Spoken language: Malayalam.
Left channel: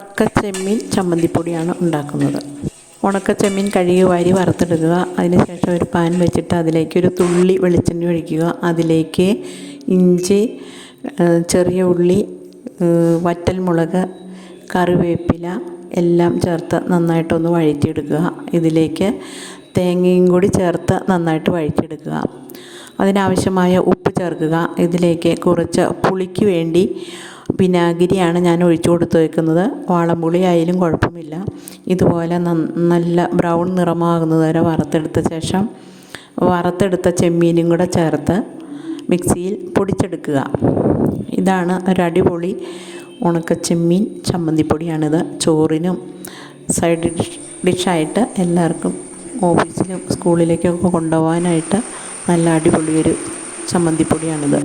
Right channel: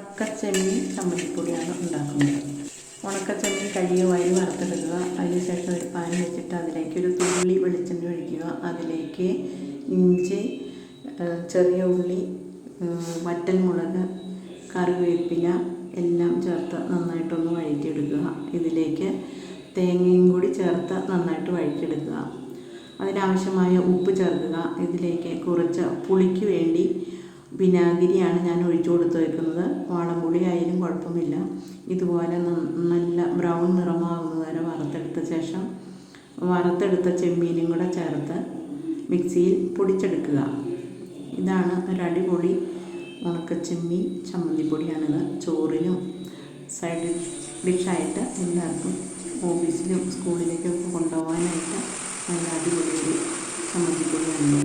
ഉണക്കച്ചെമ്മീൻ ചമ്മന്തിപ്പൊടിയാണ് ഉണ്ടാക്കുന്നത്. ഉണക്കച്ചെമ്മീൻ കഴുകി വാരി വറുത്തെടുക്കുക. അതിനുശേഷം ഒരു പാൻ വെച്ചിട്ട് അതിലേക്ക് ഒരു തുള്ളി വെളിച്ചെണ്ണ ഒഴിക്കുക. അതിലേക്ക് ഇഞ്ചി, ചെറിയ ഉള്ളി, വറ്റൽമുളക്, കറിവേപ്പില എല്ലാം ചേർത്ത് നന്നായിട്ടൊന്ന് വഴറ്റിയെടുക്കുക. ഇതിലേക്ക് തേങ്ങയും കൂടി ചേർത്ത് നന്നായിട്ട് വഴറ്റിയെടുക്കുക. അതിനാവശ്യമായ ഉപ്പ് ചേർക്കുക. ഇതിലേക്ക് കുറച്ച് പുളിക്ക് വേണ്ടി വിനാഗിരിയാണ് ഞാൻ ഒഴിച്ചു കൊടുത്ത് വയ്ക്കുന്നത്. വാളംപുളി ആയാലും കുഴപ്പമില്ല. ഇതുപോലെ നല്ല ബ്രൗൺ നിറമാകുന്നത് വരെ വറുത്തെടുത്ത ശേഷം വറുത്തെടുത്ത ചെമ്മീനും കൂടെ ചേർത്ത് മിക്സിയിൽ പൊടിച്ചെടുക്കുക. ഇതാണ് ഒരടിപൊളി ഉണക്കച്ചെമ്മീൻ ചമ്മന്തിപ്പൊടിയാണിത്. ചോറിനും സൈഡ് ഡിഷായിട്ട് എല്ലാവർക്കും ഓഫീസിലും സ്കൂളിലേക്കൊക്കെ കൊണ്ടുപോകാനായിട്ട് നല്ല അടിപൊളി ഒരു ചമ്മന്തിപ്പൊടിയാണിത്.